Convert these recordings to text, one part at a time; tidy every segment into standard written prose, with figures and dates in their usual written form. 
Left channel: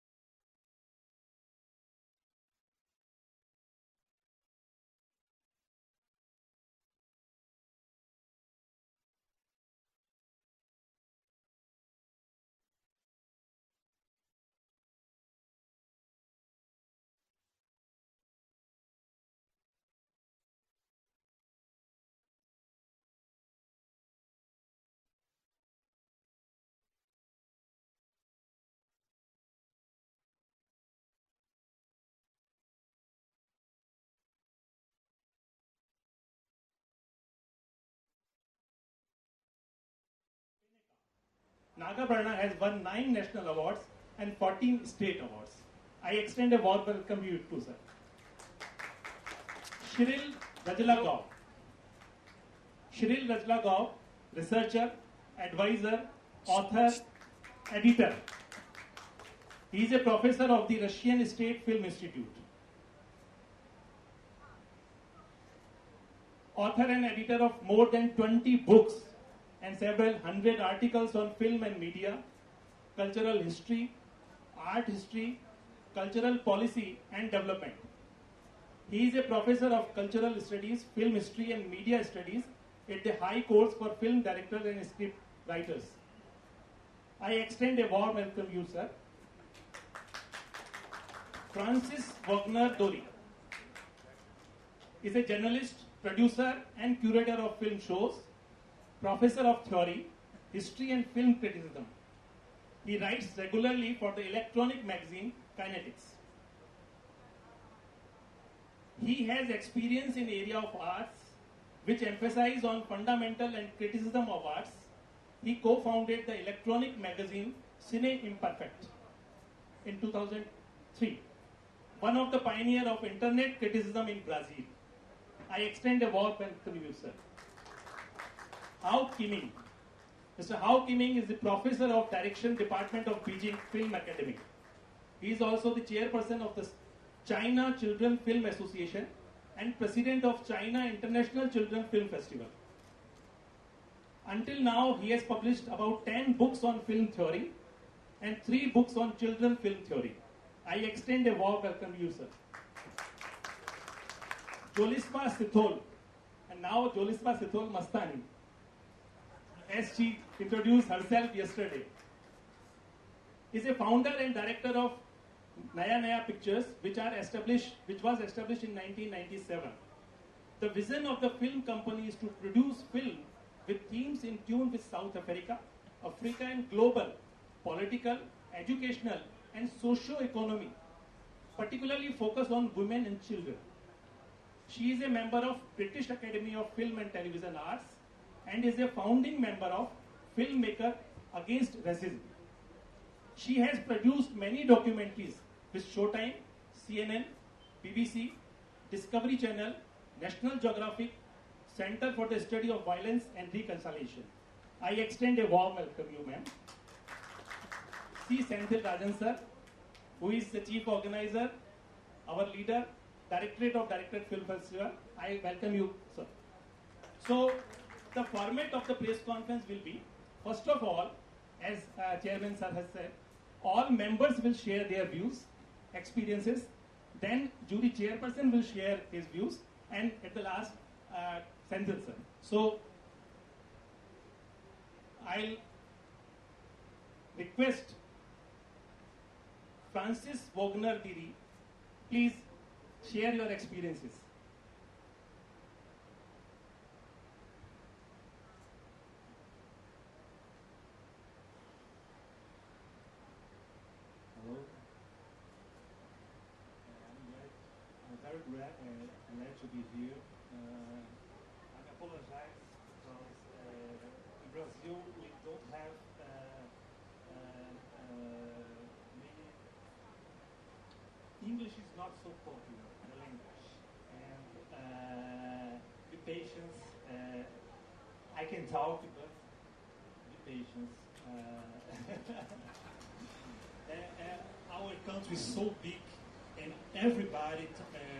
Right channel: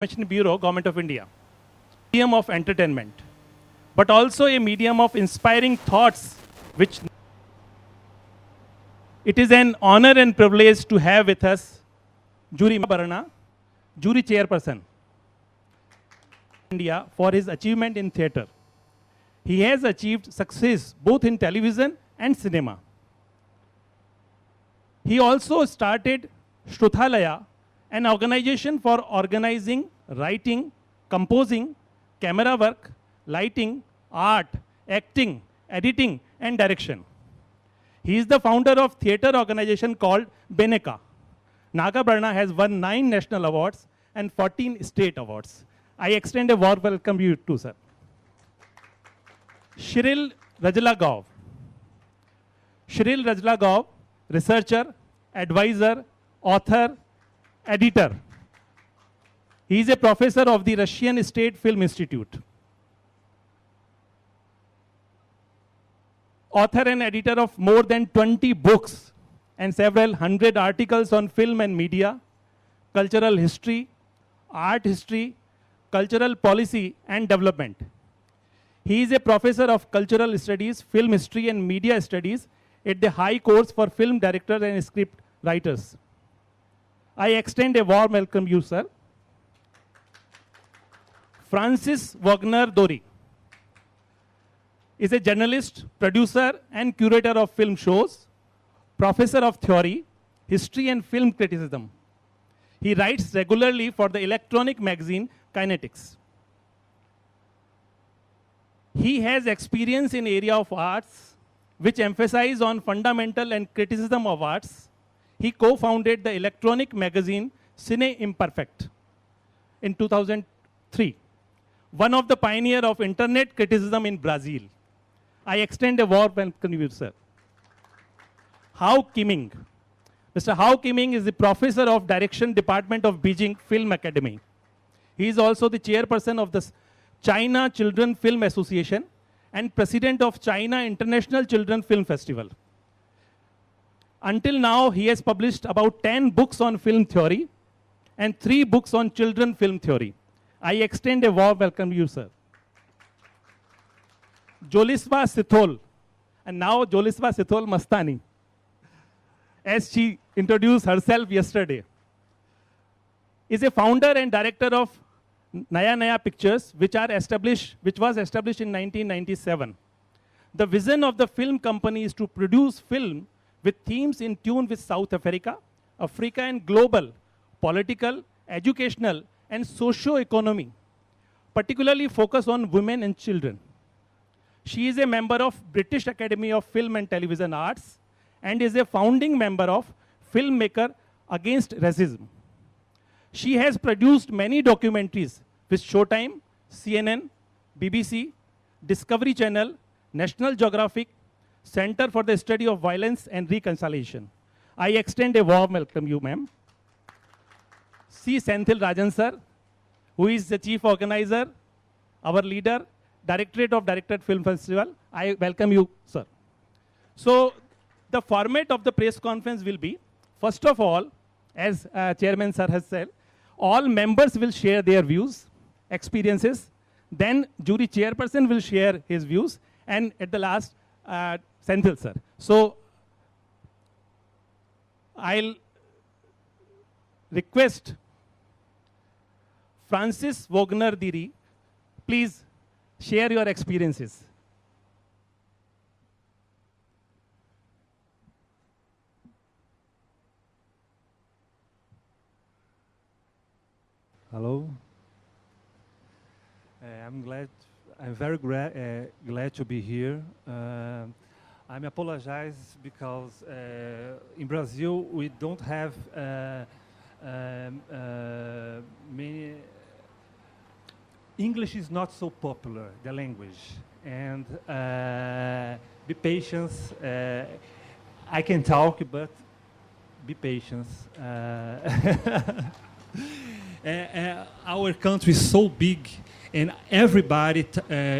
Information Bureau, Government of India. Medium of entertainment, but also a medium of inspiring thoughts, which it is an honor and privilege to have with us Jury Barana, Jury Chairperson, India, for his achievement in theatre. He has achieved success both in television and cinema. He also started Shruthalaya, an organization for organizing, writing, composing, camera work, lighting, art, acting, editing, and direction. He is the founder of theatre organization called Beneka. Nagabarna has won 9 national awards and 14 state awards. I extend a warm welcome to you too, sir. Shiril Rajlagaon. Shiril Rajlagaon, researcher, advisor, author, editor. He is a professor of the Russian State Film Institute. Author and editor of more than 20 books and several hundred articles on film and media, cultural history, art history, cultural policy and development. He is a professor of cultural studies, film history and media studies at the High Course for Film Directors and Script Writers. I extend a warm welcome to you, sir. Francis Wagner Dory is a journalist, producer, and curator of film shows, professor of theory, history, and film criticism. He writes regularly for the electronic magazine Kinetics. He has experience in area of arts, which emphasize on fundamental and criticism of arts. He co-founded the electronic magazine Cine Imperfect in 2003, one of the pioneers of internet criticism in Brazil. I extend a warm welcome to you, sir. Hao Kiming. Mr. Hao Kiming is the professor of direction department of Beijing Film Academy. He is also the chairperson of the China Children Film Association and president of China International Children Film Festival. Until now, he has published about 10 books on film theory and 3 books on children film theory. I extend a warm welcome to you, sir. Joliswa Sithol, and now Joliswa Sithol Mastani, as she introduced herself yesterday, is a founder and director of Naya Naya Pictures, which was established in 1997. The vision of the film company is to produce film with themes in tune with South Africa, Africa, and global political, educational, and socio-economy, particularly focus on women and children. She is a member of British Academy of Film and Television Arts and is a founding member of Filmmaker Against Racism. She has produced many documentaries with Showtime, CNN, BBC, Discovery Channel, National Geographic, Center for the Study of Violence and Reconciliation. I extend a warm welcome to you, ma'am. C. Senthil Rajan, sir, who is the chief organizer, our leader, Directorate of Directed Film Festival. I welcome you, sir. So, the format of the press conference will be, first of all, as Chairman sir has said, all members will share their views, experiences, then jury chairperson will share his views, and at the last, Senthil sir. So, I'll request Francis Wagner Diri, please share your experiences. Hello. I'm very glad to be here. I apologize because in Brazil we don't have many. English is not so popular, the language, and be patient. I can talk, but be patient. Our country is so big, and everybody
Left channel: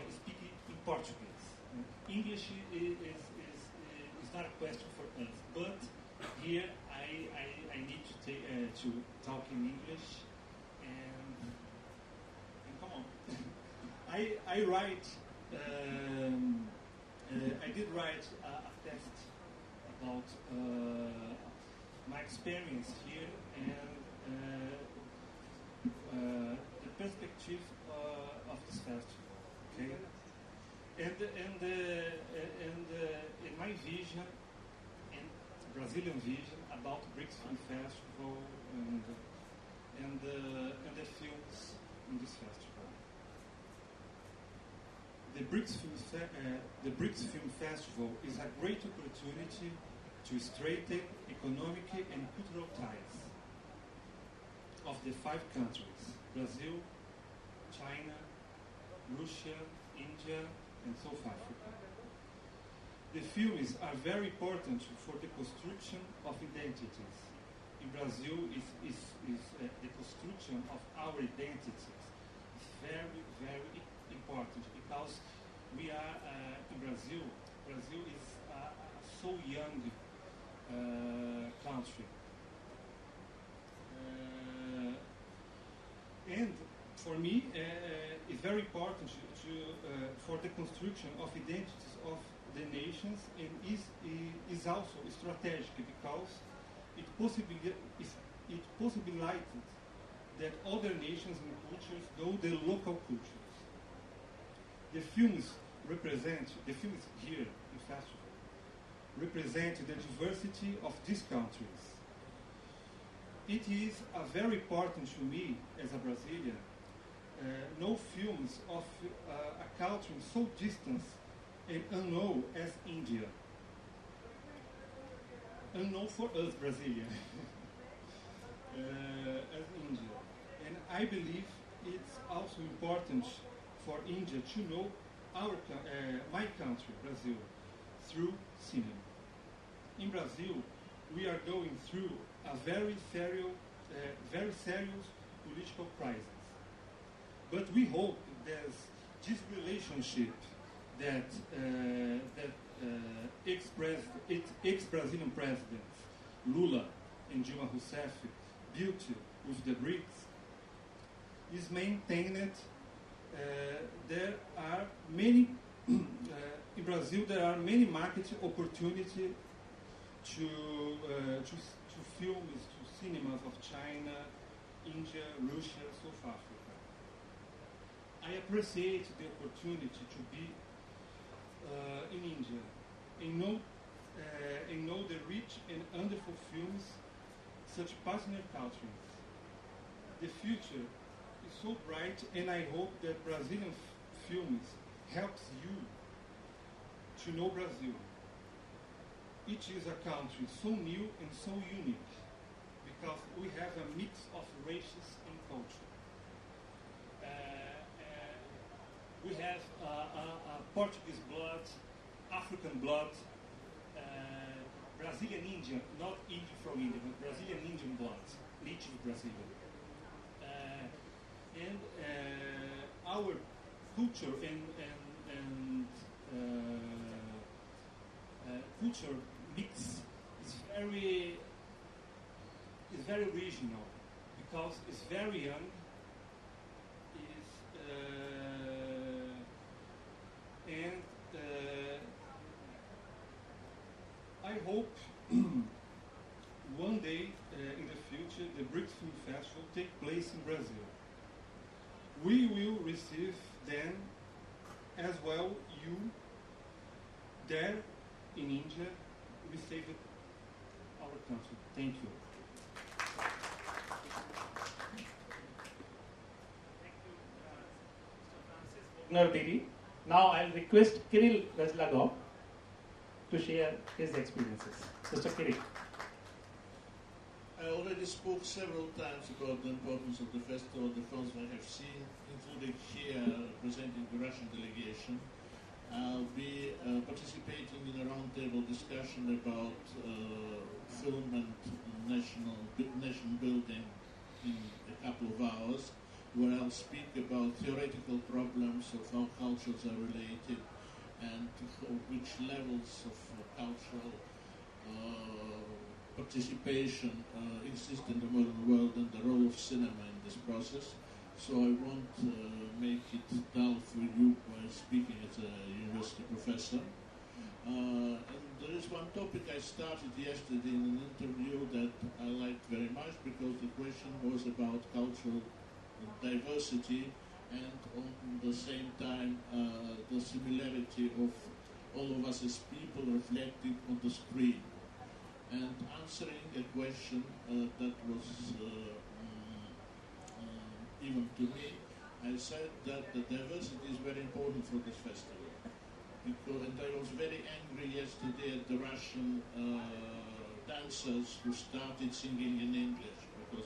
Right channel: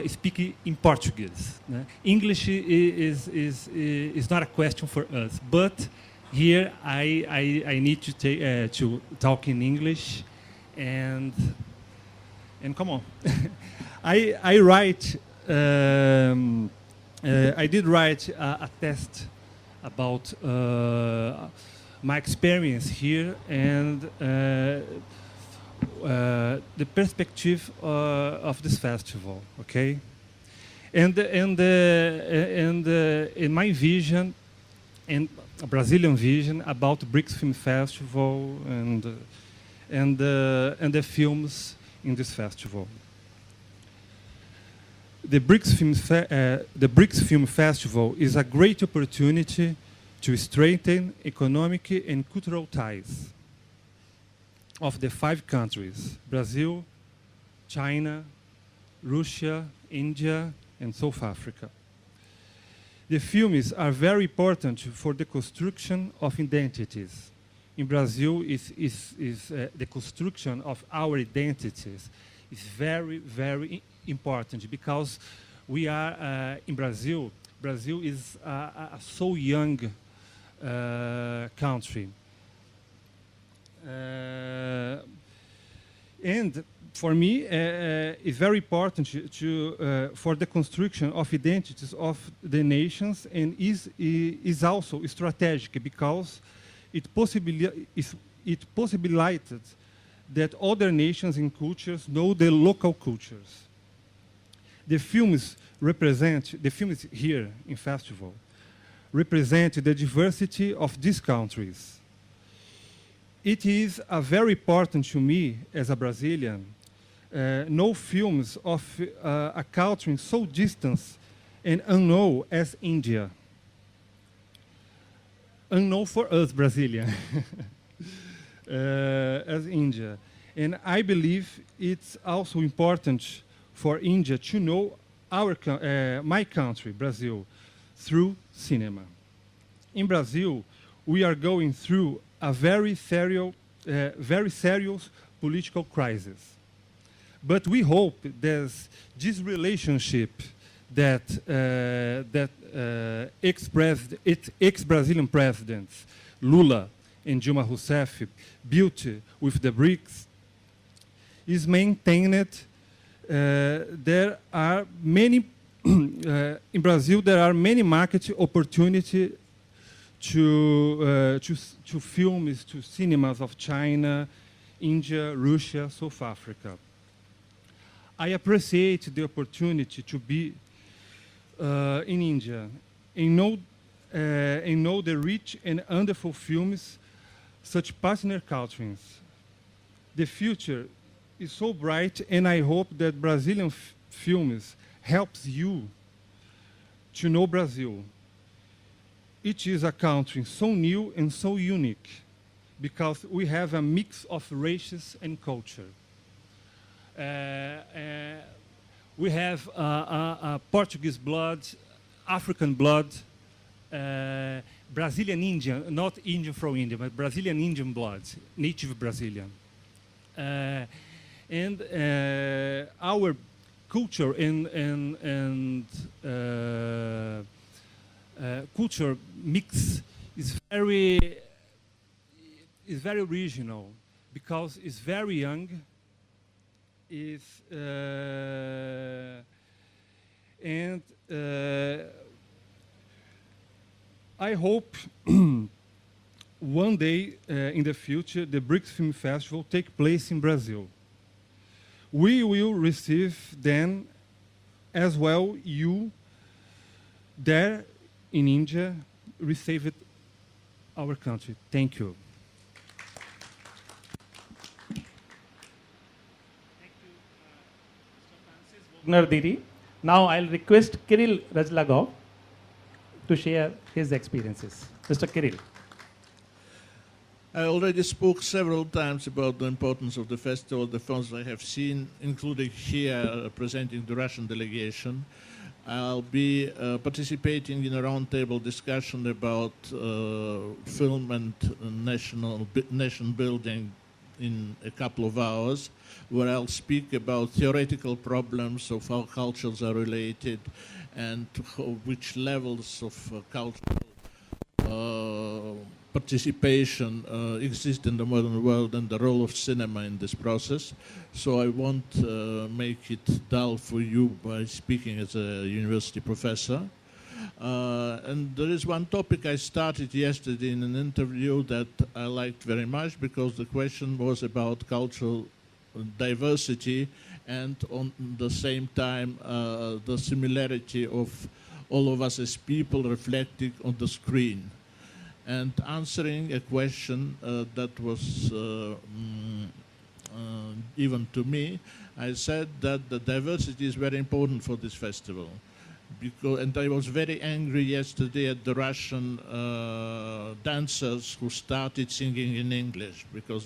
speaks in Portuguese. English is not a question for us, but here I need to talk in English, and and come on. I write, I did write a test about my experience here and the perspective of this festival, okay? And in my vision, and a Brazilian vision about BRICS Film Festival and the films in this festival. The BRICS Film Festival is a great opportunity to strengthen economic and cultural ties of the 5 countries, Brazil, China, Russia, India, and South Africa. The films are very important for the construction of identities. In Brazil, the construction of our identities is very, very important because we are in Brazil. Brazil is a so young country. And for me, it's very important for the construction of identities of the nations, and is also strategic because it possibilitated that other nations and cultures know the local cultures. The films here in festival represent the diversity of these countries. It is very important to me as a Brazilian know films of a culture so distant and unknown as India. Unknown for us Brazilians, as India. And I believe it's also important for India to know my country, Brazil, through cinema. In Brazil, we are going through a very serious political crisis. But we hope that this relationship that ex-Brazilian presidents Lula and Dilma Rousseff built with the BRICS is maintained. There are many in Brazil. There are many market opportunities to films, to cinemas of China, India, Russia, South Africa. I appreciate the opportunity to be in India and know the rich and wonderful films, such partner countries. The future is so bright, and I hope that Brazilian films helps you to know Brazil. It is a country so new and so unique because we have a mix of races and culture. We have Portuguese blood, African blood, Brazilian Indian, not Indian from India, but Brazilian Indian blood, native Brazilian. And our culture and culture mix is very regional because it's very young. I hope one day in the future the BRICS Film Festival take place in Brazil. We will receive then as well you there in India received our country. Thank you. Didi. Now I'll request Kirill Rajlagov to share his experiences. Mr. Kirill. I already spoke several times about the importance of the festival, the films I have seen, including here representing the Russian delegation. I'll be participating in a roundtable discussion about film and nation building in a couple of hours, where I'll speak about theoretical problems of how cultures are related and which levels of cultural participation exist in the modern world and the role of cinema in this process. so I won't make it dull for you by speaking as a university professor. And there is one topic I started yesterday in an interview that I liked very much, because the question was about cultural diversity and on the same time the similarity of all of us as people reflecting on the screen. And answering a question that was given to me, I said that the diversity is very important for this festival. And I was very angry yesterday at the Russian dancers who started singing in English, because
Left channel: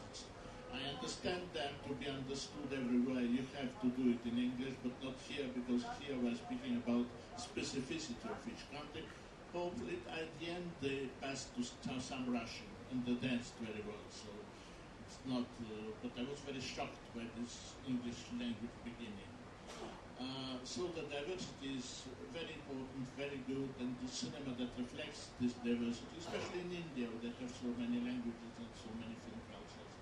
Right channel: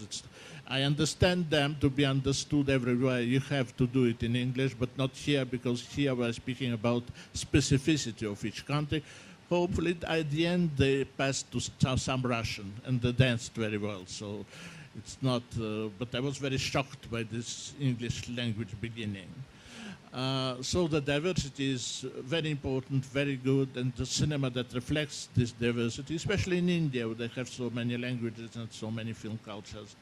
I understand them to be understood everywhere. You have to do it in English, but not here, because here we're speaking about specificity of each country. Hopefully, at the end, they passed to some Russian, and they danced very well. So it's not, but I was very shocked by this English language beginning. So the diversity is very important, very good, and the cinema that reflects this diversity, especially in India, where they have so many languages and so many film cultures,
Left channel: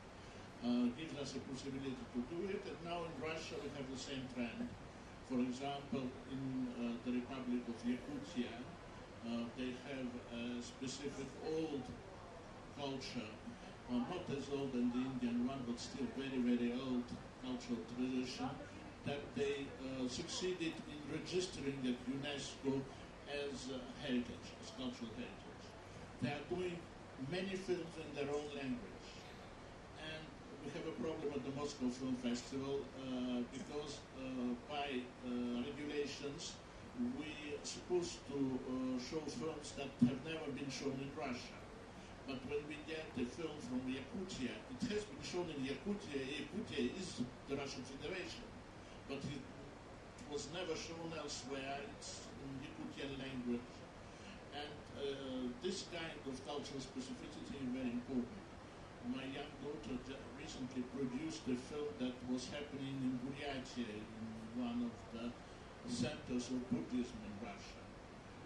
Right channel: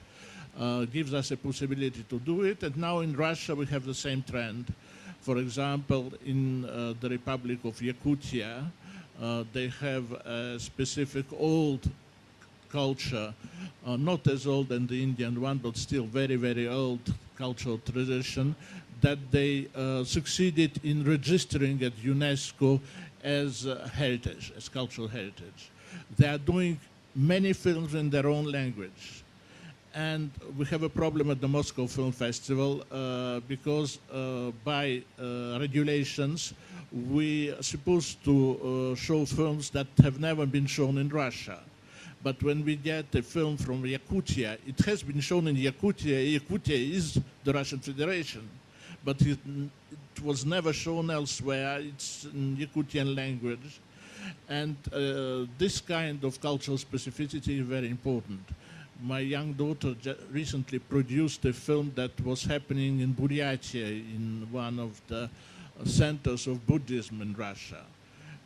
gives us a possibility to do it. And now in Russia we have the same trend. For example, in the Republic of Yakutia, they have a specific old culture, not as old as the Indian one, but still very, very old cultural tradition, that they succeeded in registering at UNESCO as heritage, as cultural heritage. They are doing many films in their own language. And we have a problem at the Moscow Film Festival because by regulations, we are supposed to show films that have never been shown in Russia. But when we get a film from Yakutia, it has been shown in Yakutia. Yakutia is the Russian Federation, but it was never shown elsewhere. It's in Yakutian language. And this kind of cultural specificity is very important. My young daughter recently produced a film that was happening in Buryatia, in one of the centers of Buddhism in Russia.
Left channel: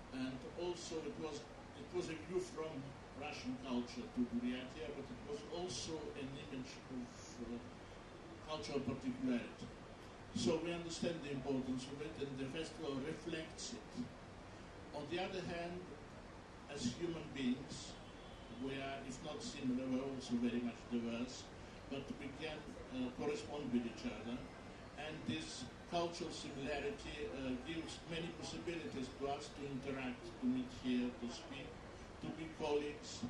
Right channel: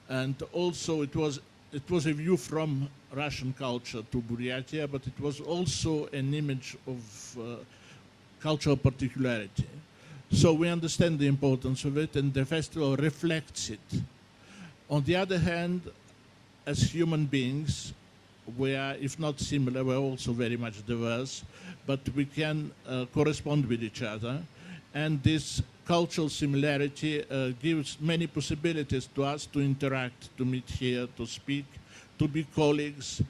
And also it was a view from Russian culture to Buryatia, but it was also an image of cultural particularity. So we understand the importance of it, and the festival reflects it. On the other hand, as human beings, we are, if not similar, we're also very much diverse, but we can correspond with each other. And this cultural similarity gives many possibilities to us to interact, to meet here, to speak, to be colleagues,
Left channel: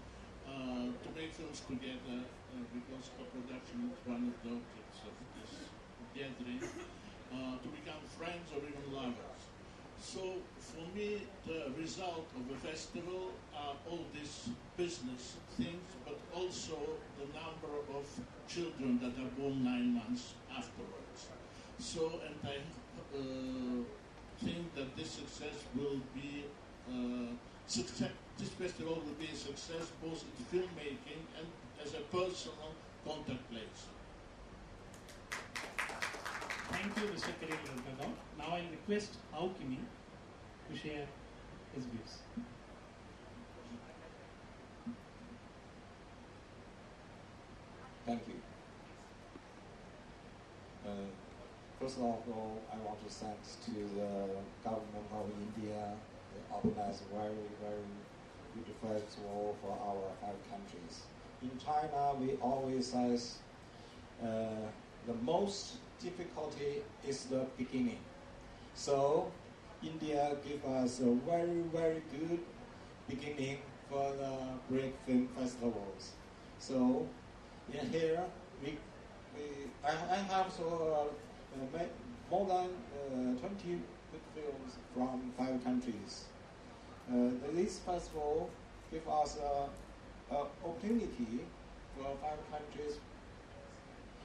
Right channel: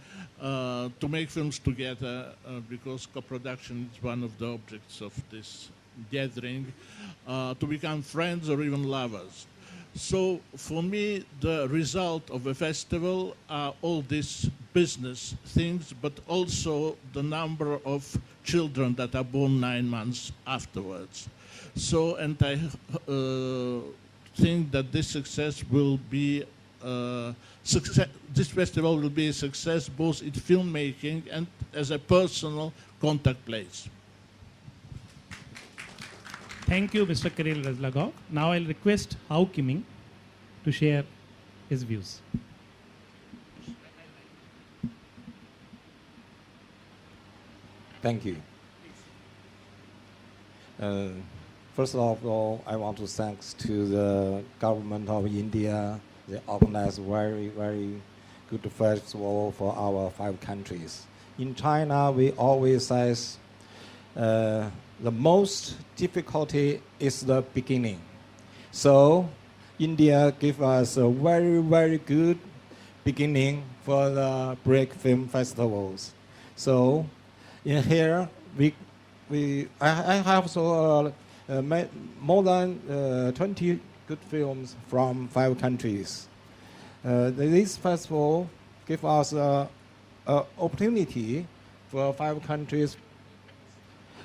to make films together, because co-production is one of the objects of this gathering, to become friends or even lovers. So for me, the result of a festival are all these business things, but also the number of children that are born 9 months afterwards. So, and I think that this success will be this festival will be a success both in filmmaking and as a personal contact place. Thank you, Mr. Kirill Razlagov. Now I'll request Hao Kiming to share his views. Thank you. First of all, I want to thank to the government of India. They organized very, very good festival for our 5 countries. In China, we always say the most difficulty is the beginning. So India gave us a very, very good beginning for the BRICS film festivals. So in here, I have more than 20 good films from 5 countries. This festival gives us an opportunity for 5 countries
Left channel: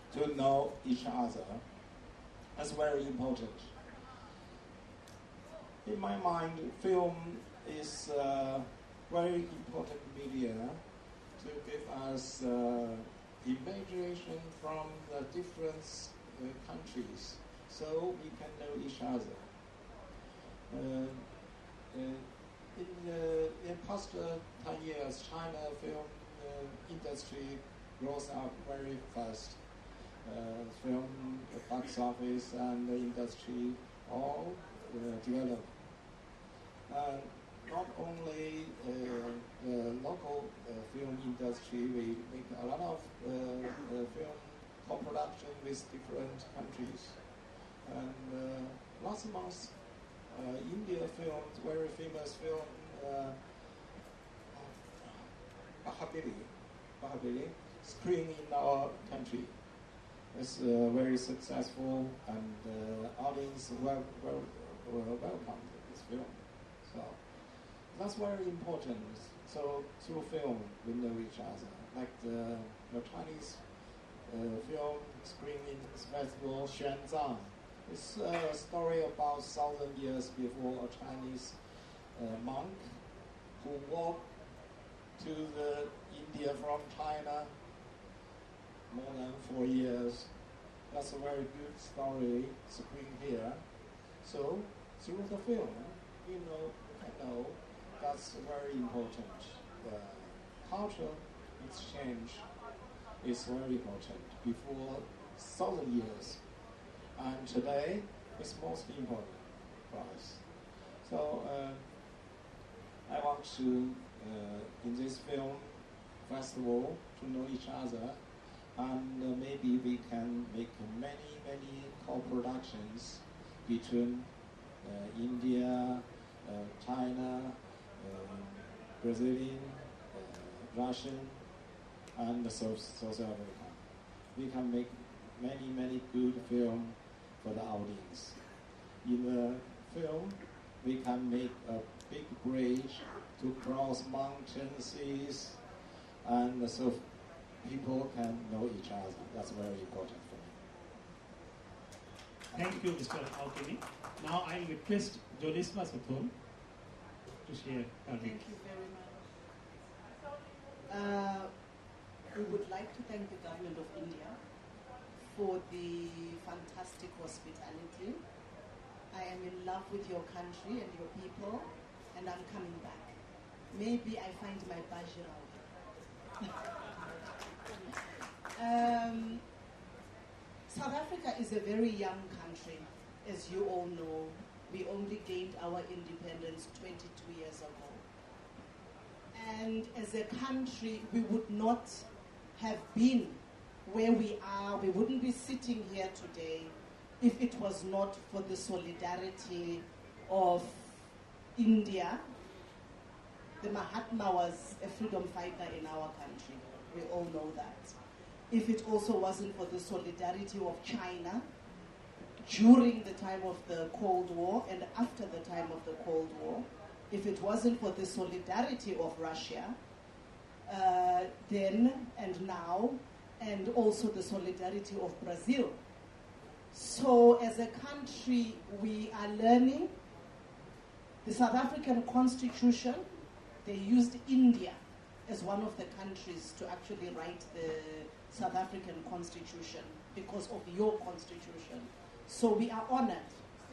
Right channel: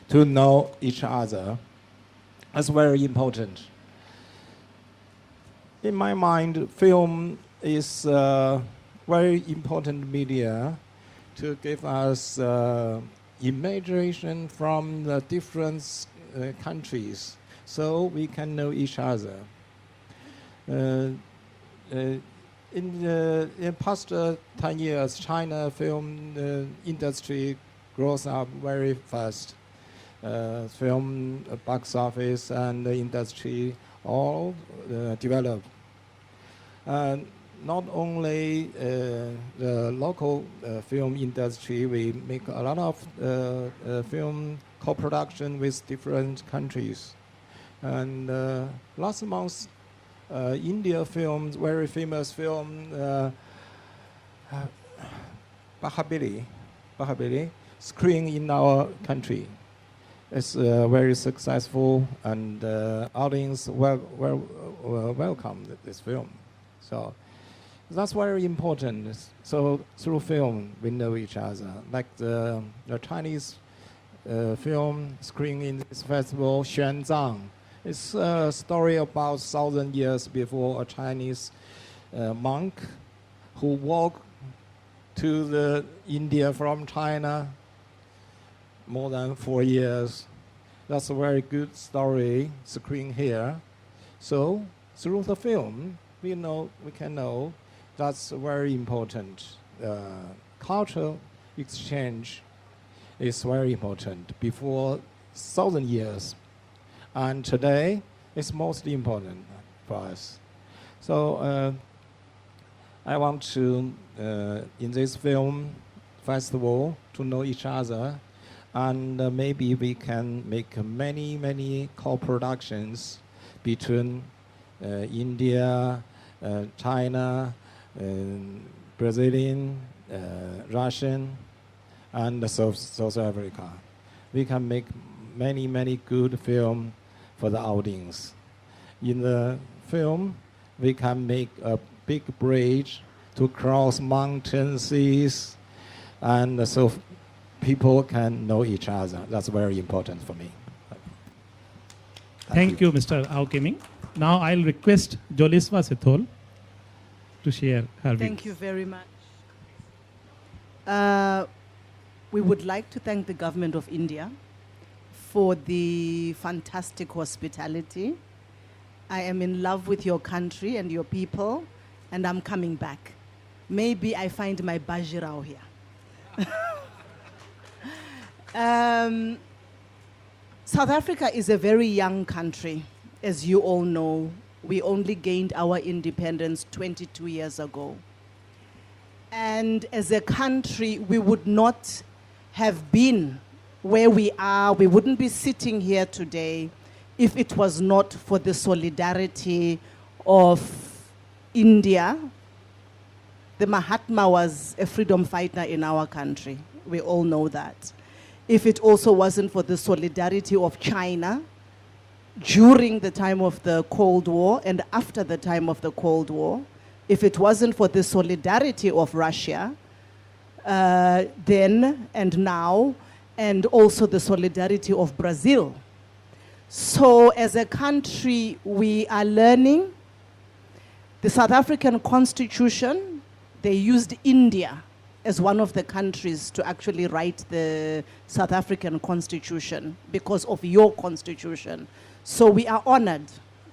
to know each other. That's very important. In my mind, film is a very important media to give us imagination from the different countries, so we can know each other. In the past 10 years, China film industry grows up very fast. film box office and the industry all develop. Not only the local film industry, we make a lot of film co-production with different countries. And last month, India film, very famous film, Bahabili, screened in our country. It's very successful, and audience welcomed this film. So that's very important. So through film, we know each other. Like the Chinese film screened in this festival, Xuanzang. It's a story about 1,000 years before a Chinese monk who walked to the India from China more than 4 years. That's a very good story screened here. So through the film, we can know that's very important. Cultural exchange is very important before 1,000 years. And today, it's mostly important for us. So I want to, in this film festival, to know each other. And maybe we can make many co-productions between India, China, Brazilian, Russian, and South Africa. We can make many good films for the audience. In the film, we can make a big bridge to cross mountains, seas, and so people can know each other. That's very important for me. Thank you, Mr. Ao Kiming. Now I'll request Joliswa Sethol to share her views. Thank you very much. We would like to thank the government of India for the fantastic hospitality. I am in love with your country and your people, and I'm coming back. Maybe I find my Bajirao here. South Africa is a very young country. As you all know, we only gained our independence 22 years ago. And as a country, we would not have been where we are. We wouldn't be sitting here today if it was not for the solidarity of India. The Mahatma was a freedom fighter in our country. We all know that. If it also wasn't for the solidarity of China during the time of the Cold War and after the time of the Cold War, if it wasn't for the solidarity of Russia, then and now, and also the solidarity of Brazil. So as a country, we are learning. The South African Constitution, they used India as one of the countries to actually write the South African Constitution because of your constitution. So we are honored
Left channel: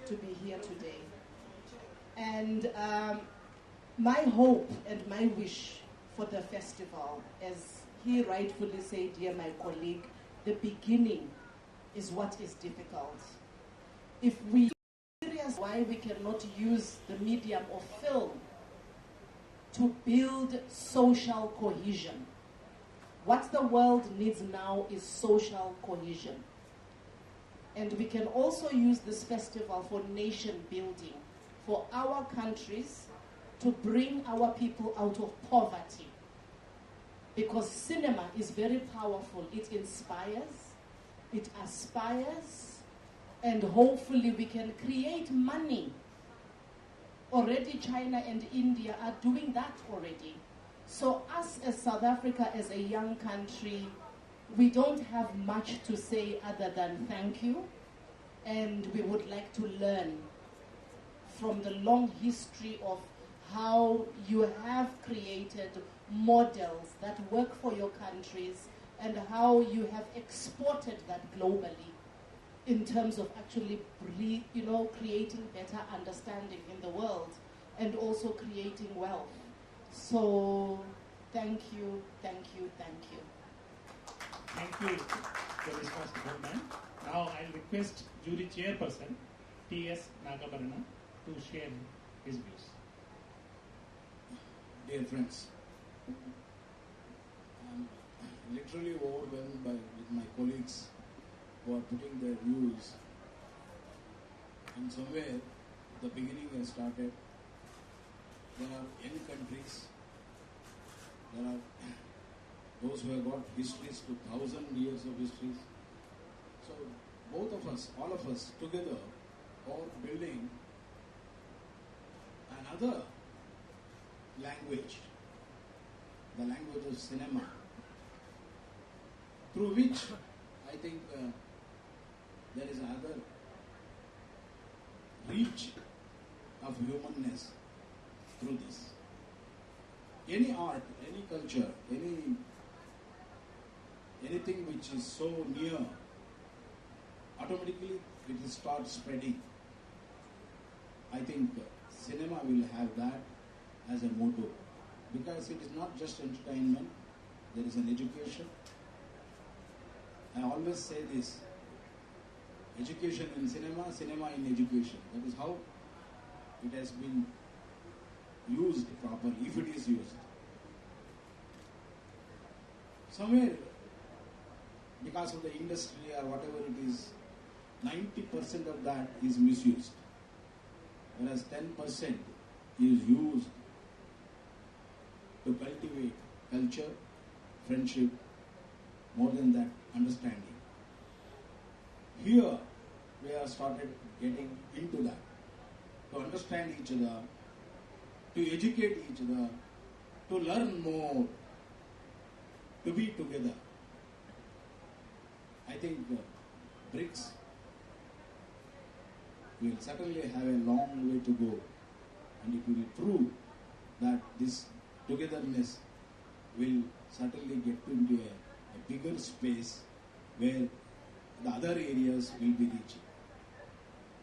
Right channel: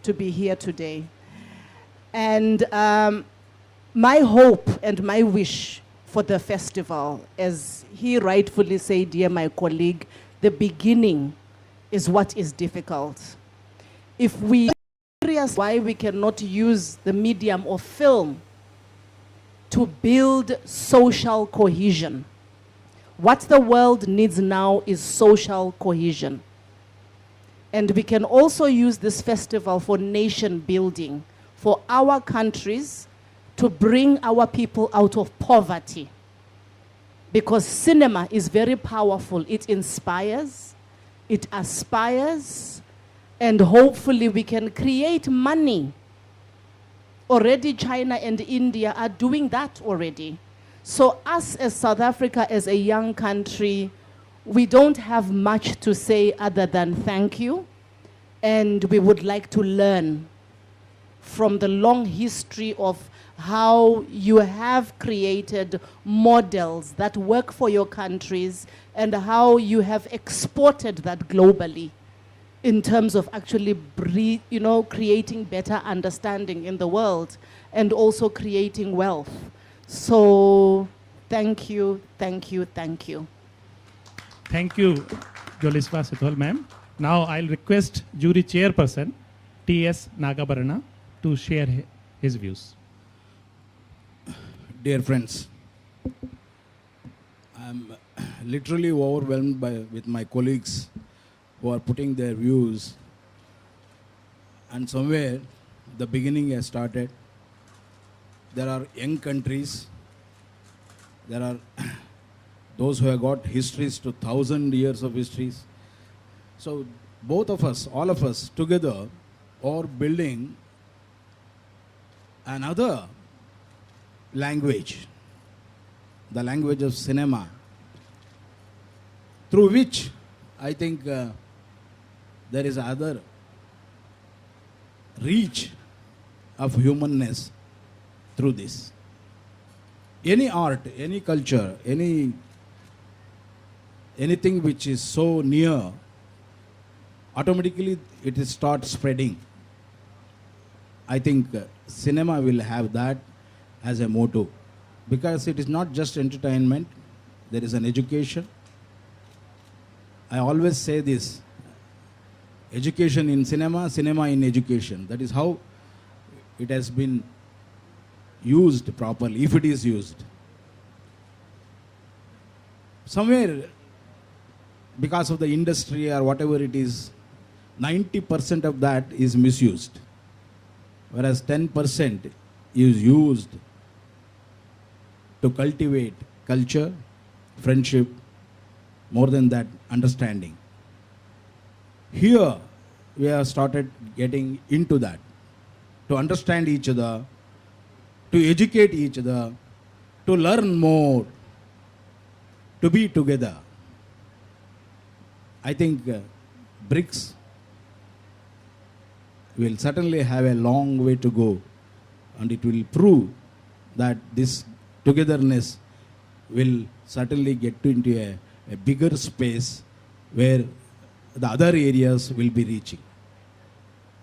to be here today. And my hope and my wish for the festival, as he rightfully said, dear my colleague, the beginning is what is difficult. If we realize why we cannot use the medium of film to build social cohesion. What the world needs now is social cohesion. And we can also use this festival for nation building, for our countries to bring our people out of poverty. Because cinema is very powerful. It inspires, it aspires, and hopefully we can create money. Already China and India are doing that already. So us as South Africa, as a young country, we don't have much to say other than thank you. And we would like to learn from the long history of how you have created models that work for your countries and how you have exported that globally in terms of actually creating better understanding in the world and also creating wealth. So thank you, thank you, thank you. Thank you. Joliswa Sithol ma'am. Now I'll request jury chairperson T.S. Nagabarana to share his views. Dear friends, I'm literally overwhelmed with my colleagues who are putting their views, and somewhere the beginning has started. There are young countries, there are those who have got histories to 1,000 years of histories. So both of us, all of us together are building another language, the language of cinema, through which I think there is other reach of humanness through this. Any art, any culture, anything which is so near, automatically it is start spreading. I think cinema will have that as a motto, because it is not just entertainment, there is an education. I always say this: education in cinema, cinema in education. That is how it has been used properly, if it is used. Somewhere, because of the industry or whatever it is, 90% of that is misused, whereas 10% is used to cultivate culture, friendship, more than that, understanding. Here, we have started getting into that, to understand each other, to educate each other, to learn more, to be together. I think BRICS will certainly have a long way to go, and it will prove that this togetherness will certainly get into a bigger space where the other areas will be reaching.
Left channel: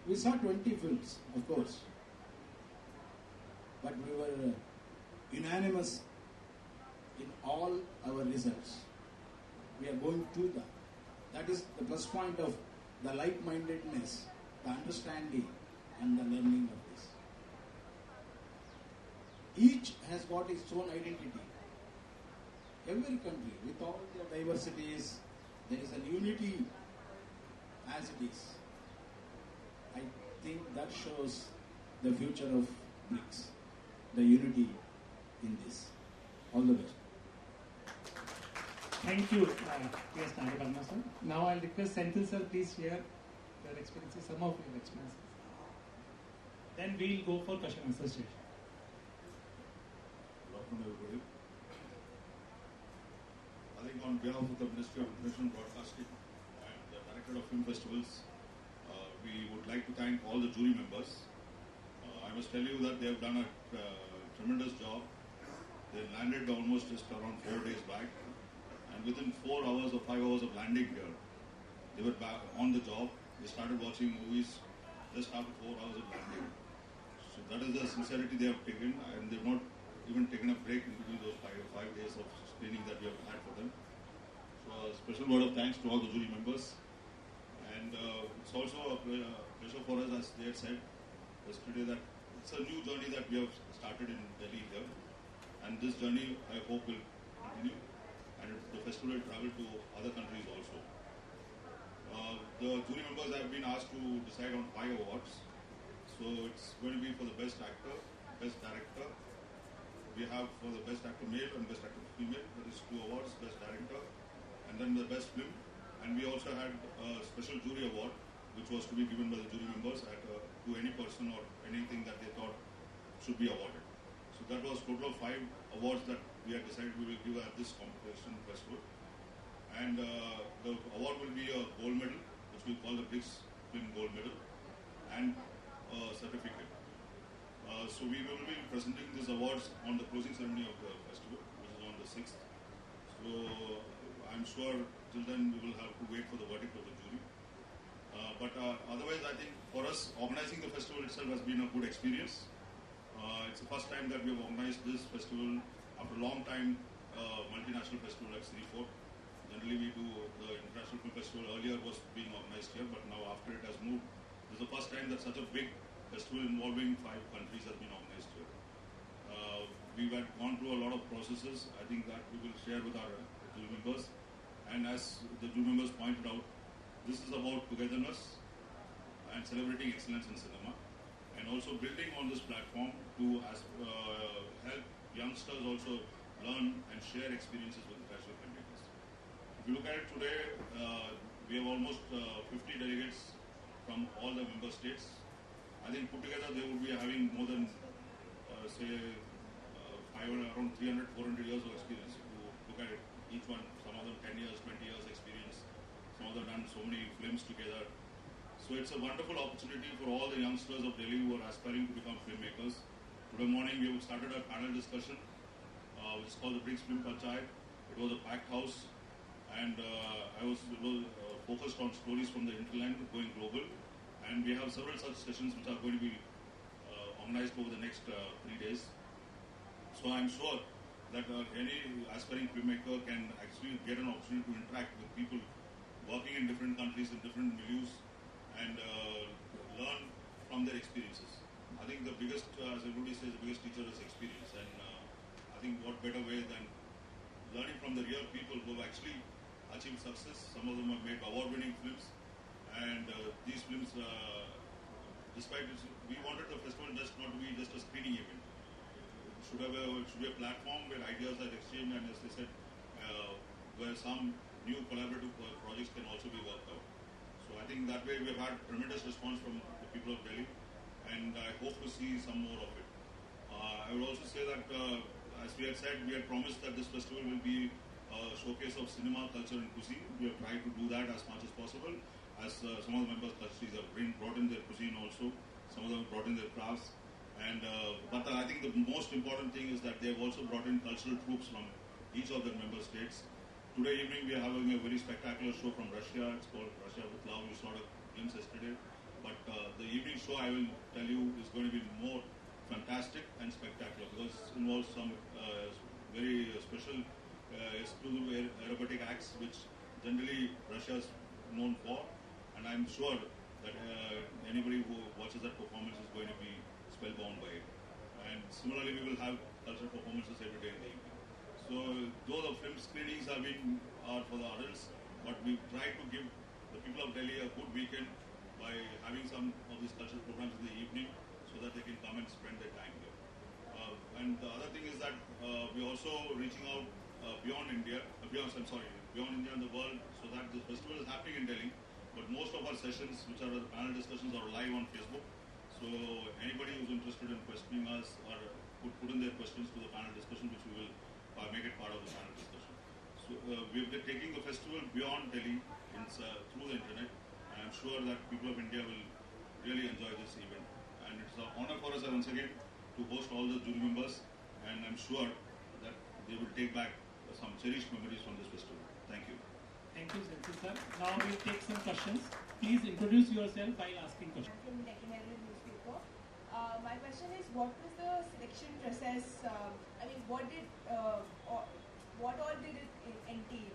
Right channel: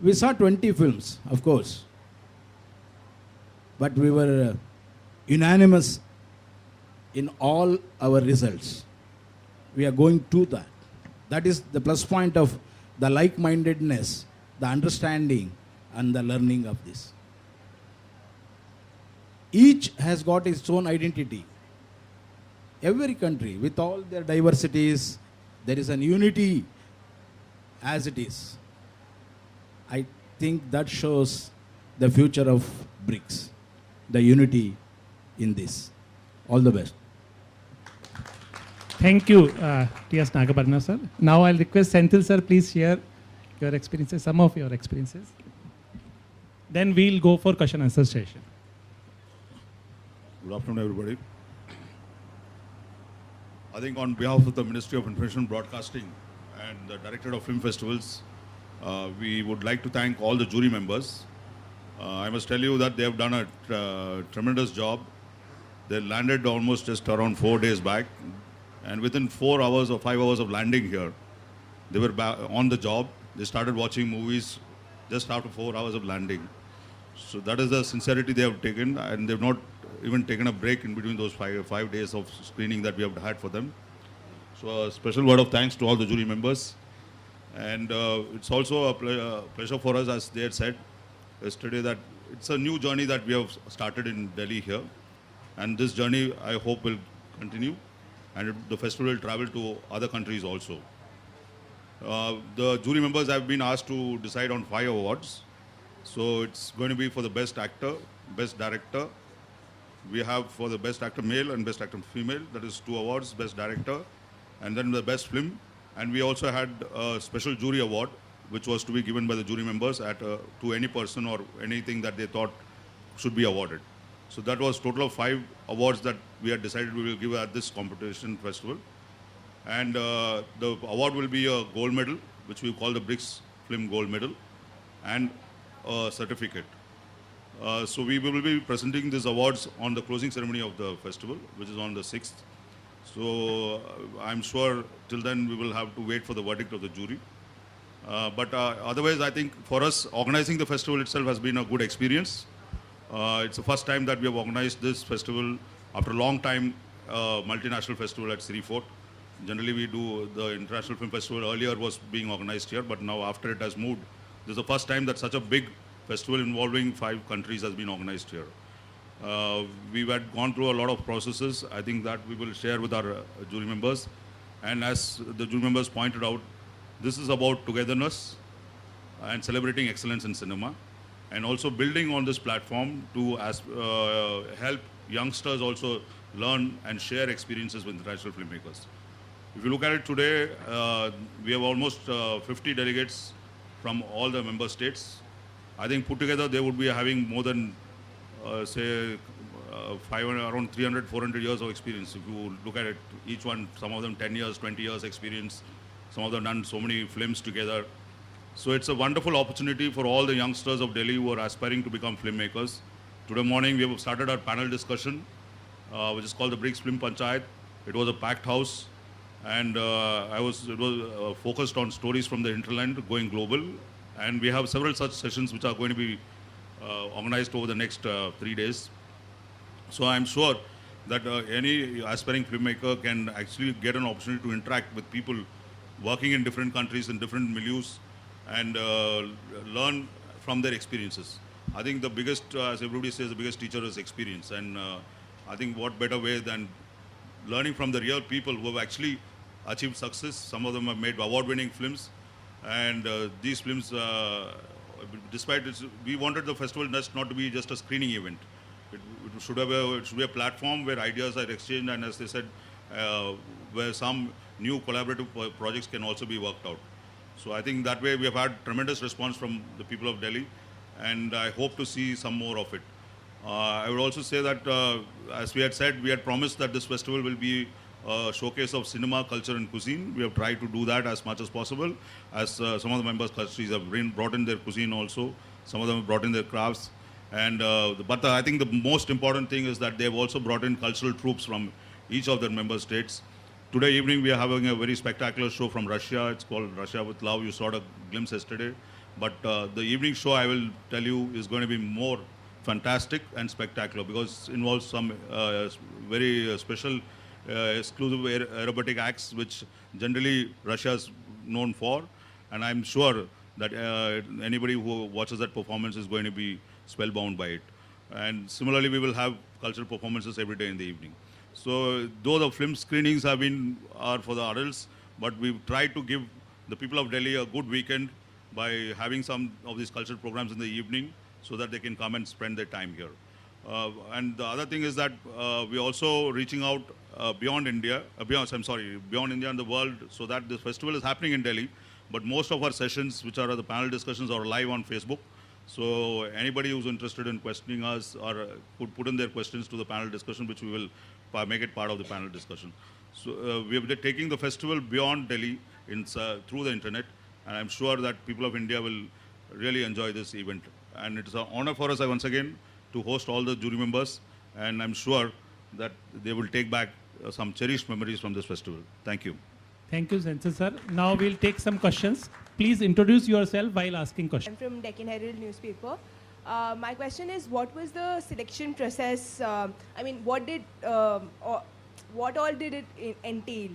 We saw 20 films, of course, but we were unanimous in all our results. We are going to that. That is the plus point of the like-mindedness, the understanding, and the learning of this. Each has got its own identity. Every country, with all their diversities, there is an unity as it is. I think that shows the future of BRICS, the unity in this. All the best. Thank you, T.S. Nagabarana sir. Now I'll request Senthil sir, please share your experiences, some of your experiences. Then we'll go for question and answer session. Good afternoon, everybody. I think on behalf of the Ministry of Information and Broadcasting and the Directorate of Film Festivals, we would like to thank all the jury members. I must tell you that they have done a tremendous job. They landed almost just around 4 days back, and within 4 hours or 5 hours of landing here, they were on the job. They started watching movies just after 4 hours of landing. So that is the sincerity they have taken, and they've not even taken a break in between those 5 days of screening that we have had for them. So a special word of thanks to all the jury members. And it's also a pleasure for us, as they had said yesterday, that it's a new journey that we have started in Delhi here. And this journey, I hope, will continue. And the festival will travel to other countries also. The jury members have been asked to decide on 5 awards. So it's going to be for the best actor, best director. We have for the best actor male and best actor female, that is 2 awards, best director, and then the best film. And we also had a special jury award, which was to be given by the jury members to any person or anything that they thought should be awarded. So that was total of 5 awards that we had decided we will give at this competition festival. And the award will be a gold medal, which we call the BRICS Film Gold Medal, and a certificate. So we will be presenting these awards on the closing ceremony of the festival, which is on the 6th. So I'm sure till then we will have to wait for the verdict of the jury. But otherwise, I think for us, organizing the festival itself has been a good experience. It's the first time that we have organized this festival after a long time, multinational festival at Sri Fort. Generally, we do the International Film Festival earlier was being organized here, but now after it has moved, this is the first time that such a big festival involving 5 countries has been organized here. We had gone through a lot of processes. I think that we will share with our jury members. And as the jury members pointed out, this is about togetherness and celebrating excellence in cinema, and also building on this platform to help youngsters also learn and share experiences with international filmmakers. If you look at it today, we have almost 50 delegates from all the member states. I think put together they would be having more than say 500, around 300, 400 years of experience. If you look at it, each one, some of them 10 years, 20 years experience, some of them done so many films together. So it's a wonderful opportunity for all the youngsters of Delhi who are aspiring to become filmmakers. Today morning we have started our panel discussion, which is called the BRICS Film Panchayat. It was a packed house, and it was focused on stories from the hinterland going global. And we have several such sessions which are going to be organized over the next 3 days. So I'm sure that any aspiring filmmaker can actually get an opportunity to interact with people working in different countries, in different milieus, and learn from their experiences. I think the biggest, as everybody says, the biggest teacher is experience. And I think what better way than learning from the real people who have actually achieved success. Some of them have made award-winning films. And these films, despite it, we wanted the festival not to be just a screening event. It should be a platform where ideas are exchanged, and as they said, where some new collaborative projects can also be worked out. So I think that way we have had tremendous response from the people of Delhi, and I hope to see some more of it. I would also say that, as we had said, we had promised that this festival will be a showcase of cinema, culture and cuisine. We have tried to do that as much as possible, as some of the members countries have brought in their cuisine also. Some of them have brought in their crafts. And but I think the most important thing is that they have also brought in cultural troops from each of their member states. Today evening we are having a very spectacular show from Russia. It's called Russia with Love. You saw a glimpse yesterday. But the evening show, I will tell you, is going to be more fantastic and spectacular, because it involves some very special exclusive aerobatic acts which generally Russia is known for. And I'm sure that anybody who watches that performance is going to be spellbound by it. And similarly, we will have cultural performances every day in the evening. So though the film screenings are for the adults, but we've tried to give the people of Delhi a good weekend by having some of these cultural programs in the evening, so that they can come and spend their time here. And the other thing is that we're also reaching out beyond India, beyond India and the world, so that this festival is happening in Delhi, but most of our sessions, which are the panel discussions, are live on Facebook. So anybody who's interested in questioning us or could put in their questions to the panel discussion, which we will make it part of the panel discussion. So we are taking the festival beyond Delhi through the internet, and I'm sure that people of India will really enjoy this event. And it's an honor for us once again to host all the jury members, and I'm sure that they will take back some cherished memories from this festival. Thank you. Thank you, Zensil sir. Now we'll take some questions. Please introduce yourself while asking questions. I'm from Deccan Herald newspaper. My question is, what was the selection process? I mean, what all did it entail?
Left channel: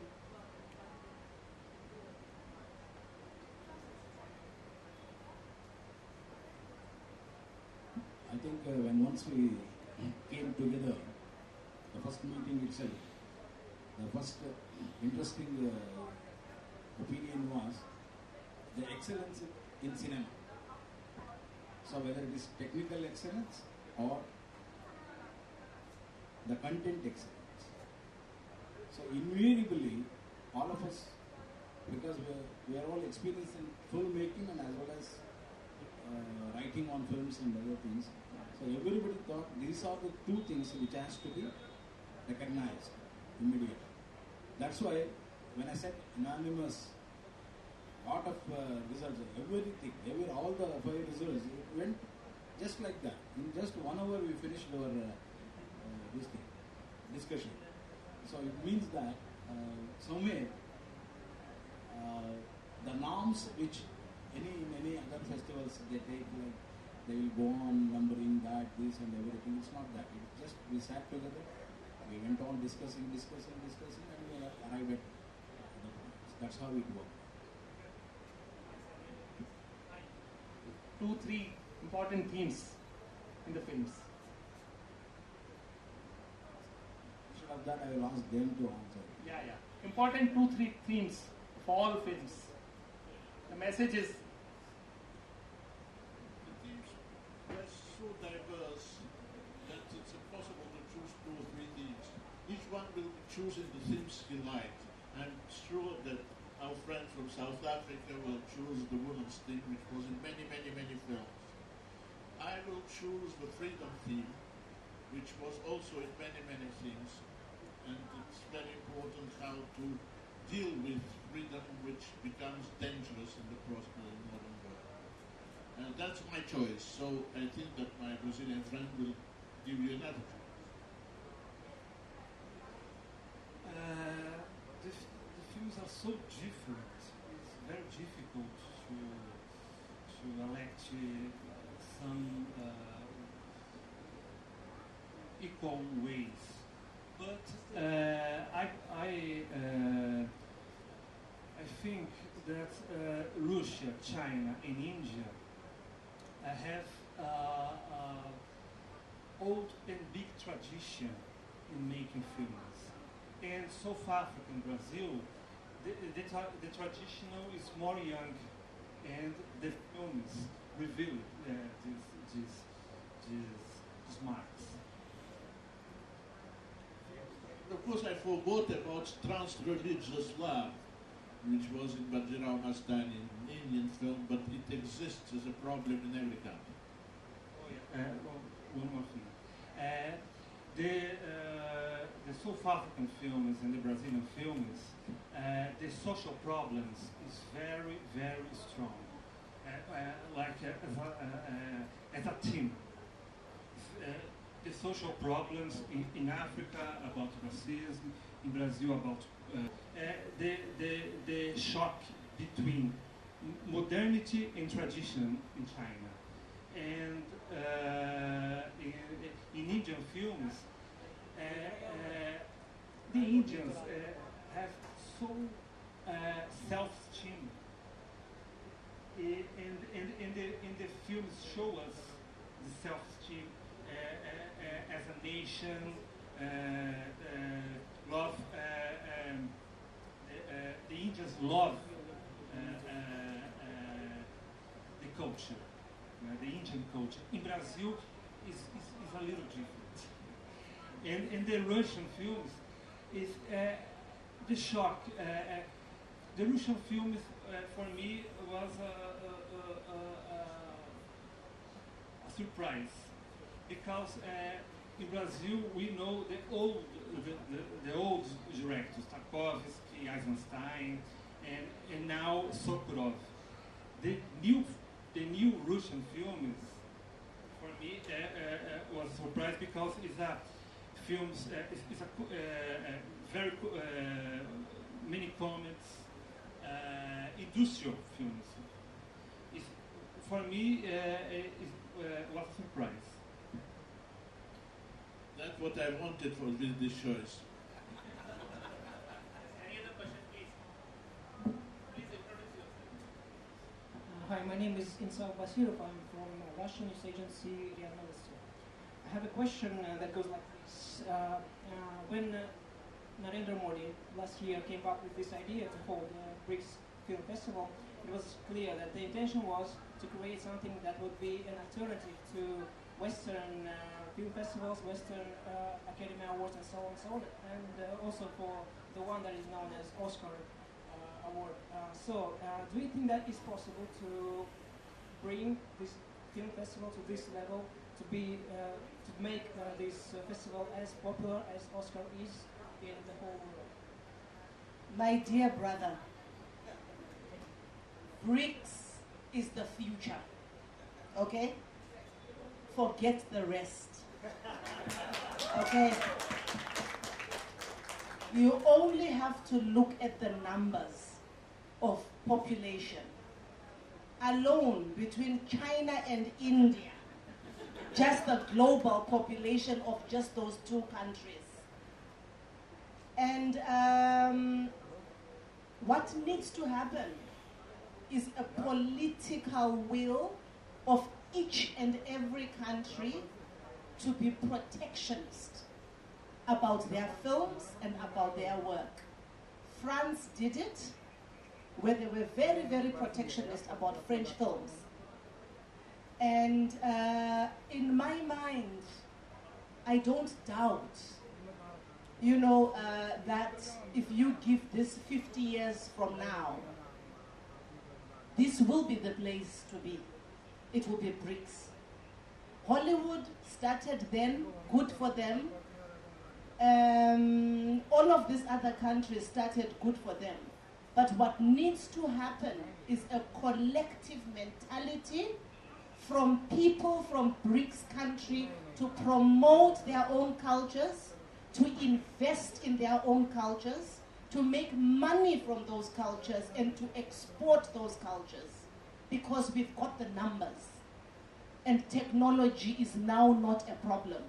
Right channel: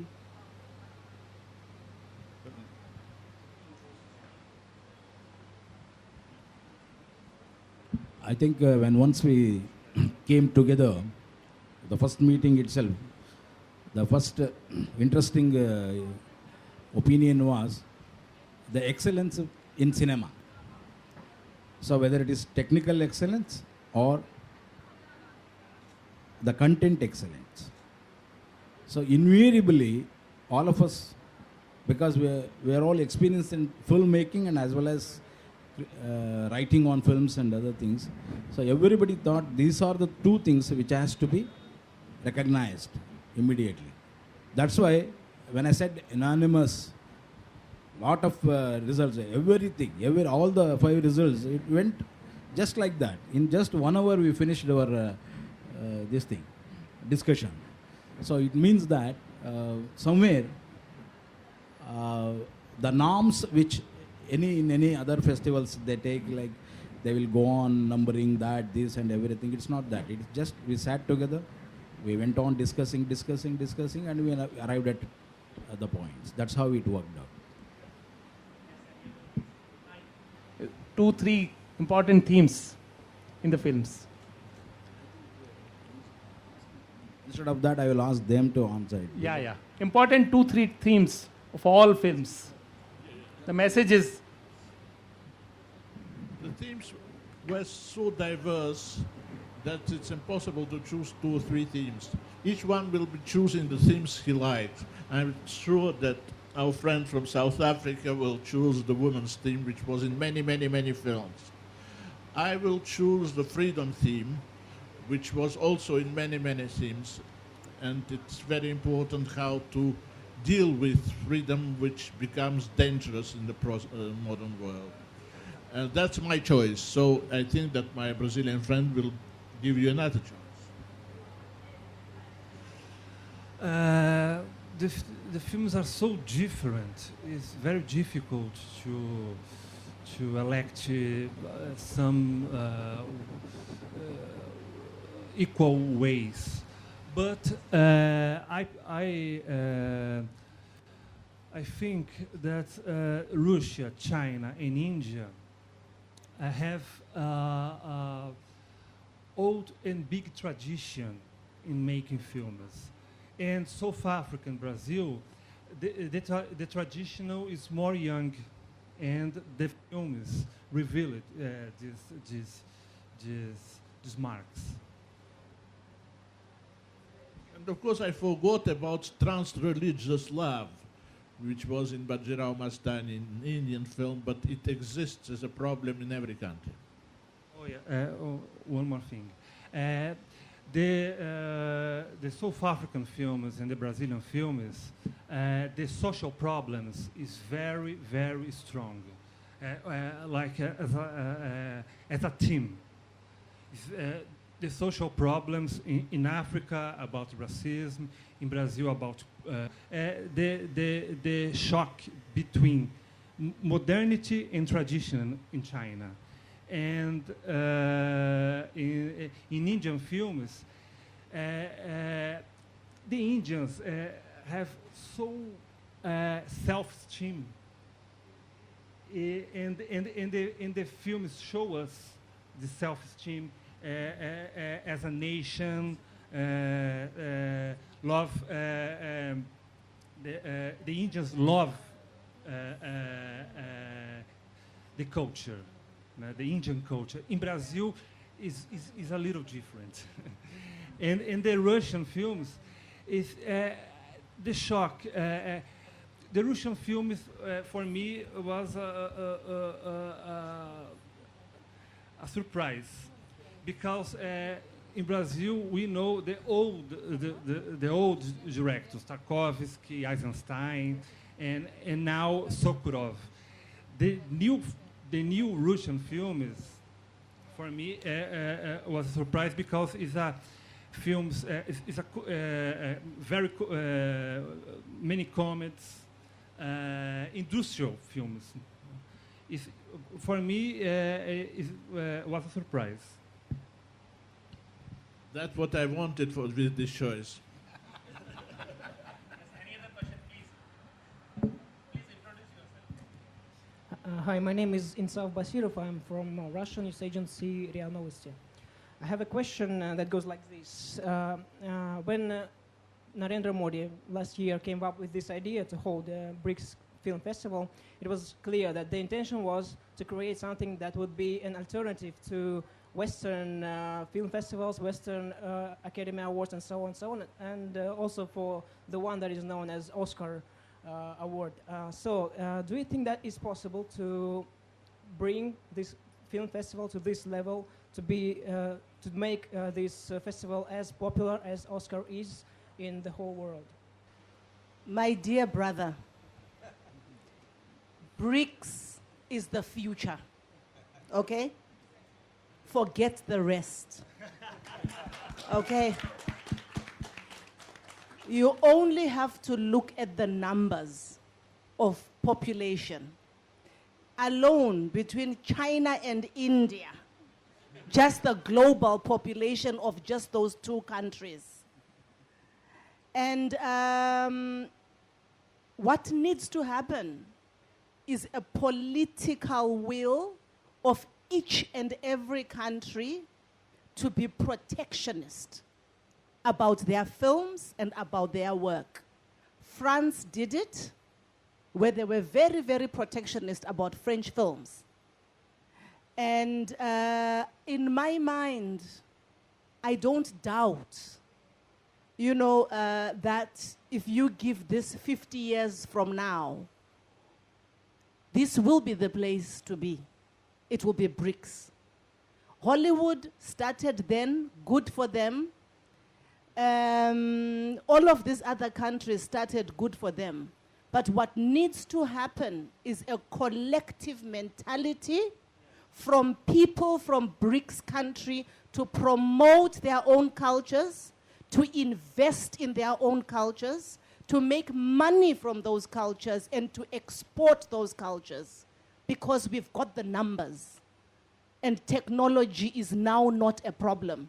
I think once we came together, the first meeting itself, the first interesting opinion was the excellence in cinema. So whether it is technical excellence or the content excellence. So invariably, all of us, because we are all experienced in filmmaking and as well as writing on films and other things. So everybody thought these are the two things which has to be recognized immediately. That's why when I said unanimous, lot of results, everything, all the 5 results, it went just like that. In just 1 hour we finished our discussion. So it means that somewhere the norms which in any other festivals they take, like they will go on numbering that, this and everything. It's not that. It's just we sat together, we went on discussing, and we arrived at the points. That's how it worked out. 2-3 important themes in the films. Instead of that, I will ask them to answer it. Yeah. Important 2-3 themes of all films. The message is The themes were so diverse that it's impossible to choose 2 or 3 themes. Each one will be choosing the themes he liked. I'm sure that our friend from South Africa will choose the women's theme, which was in many, many, many films. I will choose the freedom theme, which was also in many, many themes. And it's very important how to deal with freedom, which becomes dangerous in the modern world. And that's my choice. So I think that my Brazilian friend will give you another choice. The films are so different. It's very difficult to elect some equal ways. But I think that Russia, China, and India have old and big tradition in making films. And South Africa and Brazil, the traditional is more young, and the films reveal these marks. And of course, I forgot about trans-religious love, which was in Bajirao Mastani, an Indian film, but it exists as a problem in every country. Oh yeah. One more thing. The South African films and the Brazilian films, the social problems is very, very strong. As a team. The social problems in Africa about racism, in Brazil about the shock between modernity and tradition in China. And in Indian films, the Indians have so self-esteem, and the films show us the self-esteem as a nation, love. The Indians love the culture. The Indian culture. In Brazil is a little different. and in the Russian films, is the shock. The Russian film is, for me was a surprise, because in Brazil we know the old directors, Tarkovsky, Eisenstein, and now Sokurov. The new Russian film is, for me, was a surprise, because it's a films, it's a very many comments, industrial films. It's, for me, was a surprise. That's what I wanted with this choice. Hi, my name is Insav Basirov. I'm from Russian news agency RIA Novosti. I have a question that goes like this. When Narendra Modi last year came up with this idea to hold a BRICS Film Festival, it was clear that the intention was to create something that would be an alternative to Western film festivals, Western Academy Awards, and so on, and also for the one that is known as Oscar award. Do you think that is possible to bring this film festival to this level, to make this festival as popular as Oscar is in the whole world? My dear brother, BRICS is the future, okay? Forget the rest, okay? You only have to look at the numbers of population. Alone between China and India, just the global population of just those two countries. And What needs to happen is a political will of each and every country to be protectionist about their films and about their work. France did it, where they were very, very protectionist about French films. And in my mind, I don't doubt, that if you give this 50 years from now, this will be the place to be. It will be BRICS. Hollywood started then, good for them. All of these other countries started, good for them. But what needs to happen is a collective mentality from people from BRICS country to promote their own cultures, to invest in their own cultures, to make money from those cultures and to export those cultures, because we've got the numbers and technology is now not a problem.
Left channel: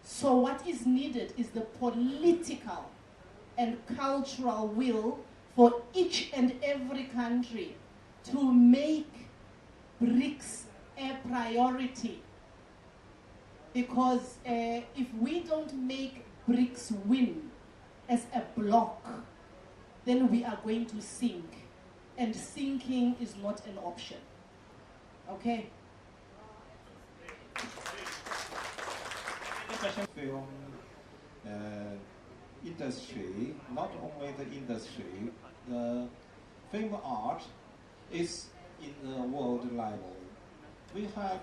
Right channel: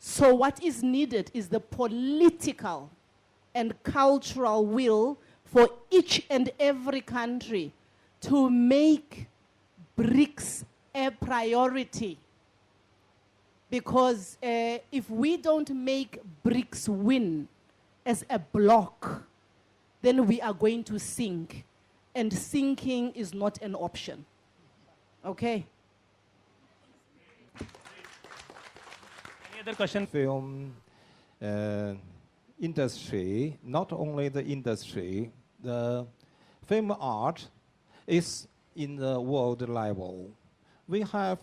So what is needed is the political and cultural will for each and every country to make BRICS a priority. Because if we don't make BRICS win as a bloc, then we are going to sink. And sinking is not an option. Okay? Any other question? Film industry, not only the industry, the film art is in the world level. We have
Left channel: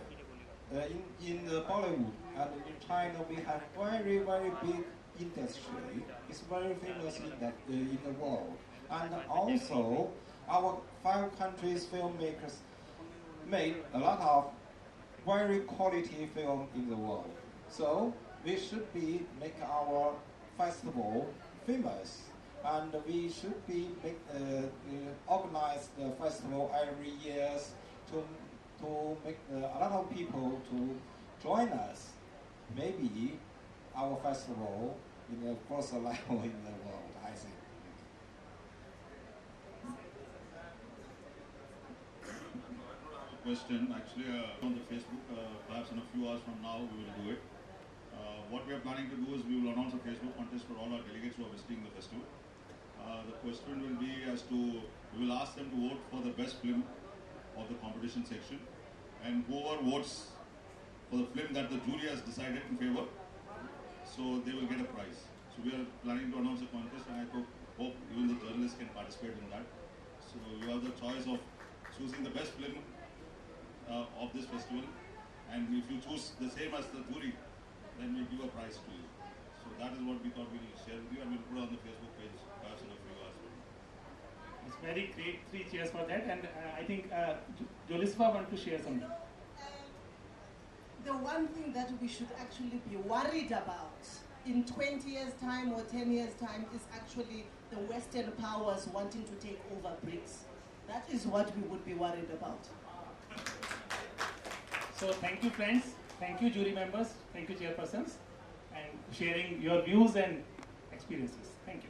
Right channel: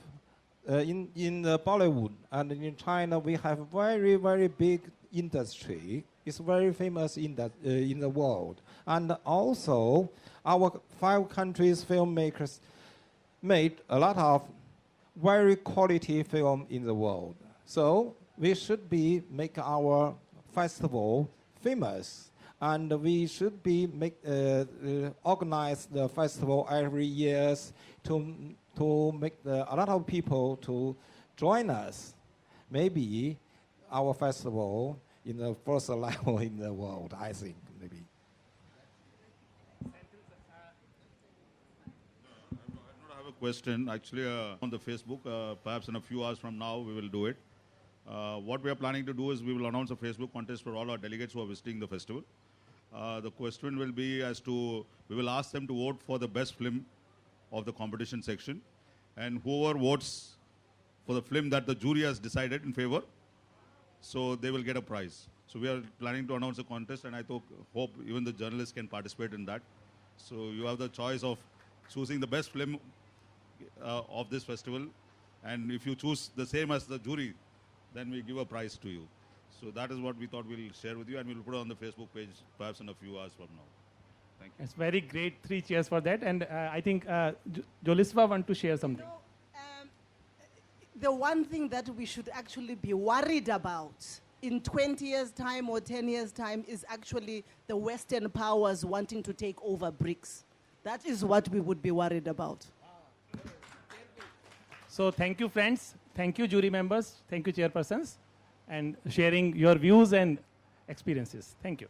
in the Bollywood and in China, we have very, very big industry. It's very famous in the world. And also, our 5 countries filmmakers made a lot of very quality film in the world. So we should be make our festival famous, and we should be organize the festival every year to make a lot of people to join us. Maybe our festival in the first level in the world, I think. Maybe. I have a question actually on the Facebook. Perhaps in a few hours from now we will do it. What we are planning to do is we will announce a Facebook contest for all our delegates who are visiting the festival. The question will be as to, we will ask them to vote for the best film of the competition section, and whoever votes for the film that the jury has decided in favor, so they will get a prize. So we are planning to announce a contest, and I hope even the journalists can participate in that. So you have the choice of choosing the best film of this festival, and if you choose the same as the jury, then we give a prize to you. So that is what we thought we'll share with you, and we'll put it on the Facebook page perhaps in a few hours from now. It's very great. 3 cheers for that. And I think Jolisva want to share something. The one thing that we should actually be worried about in 20 years' time or 10 years' time is actually the Western powers wanting to take over BRICS. That is what we would be worried about. So thank you, friends. Thank you, jury members. Thank you, chairpersons, and sharing your views and experiences. Thank you.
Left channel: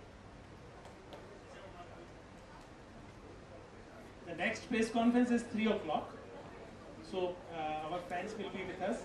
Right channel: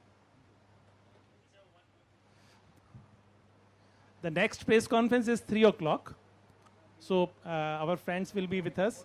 The next press conference is 3 o'clock. So our friends will be with us.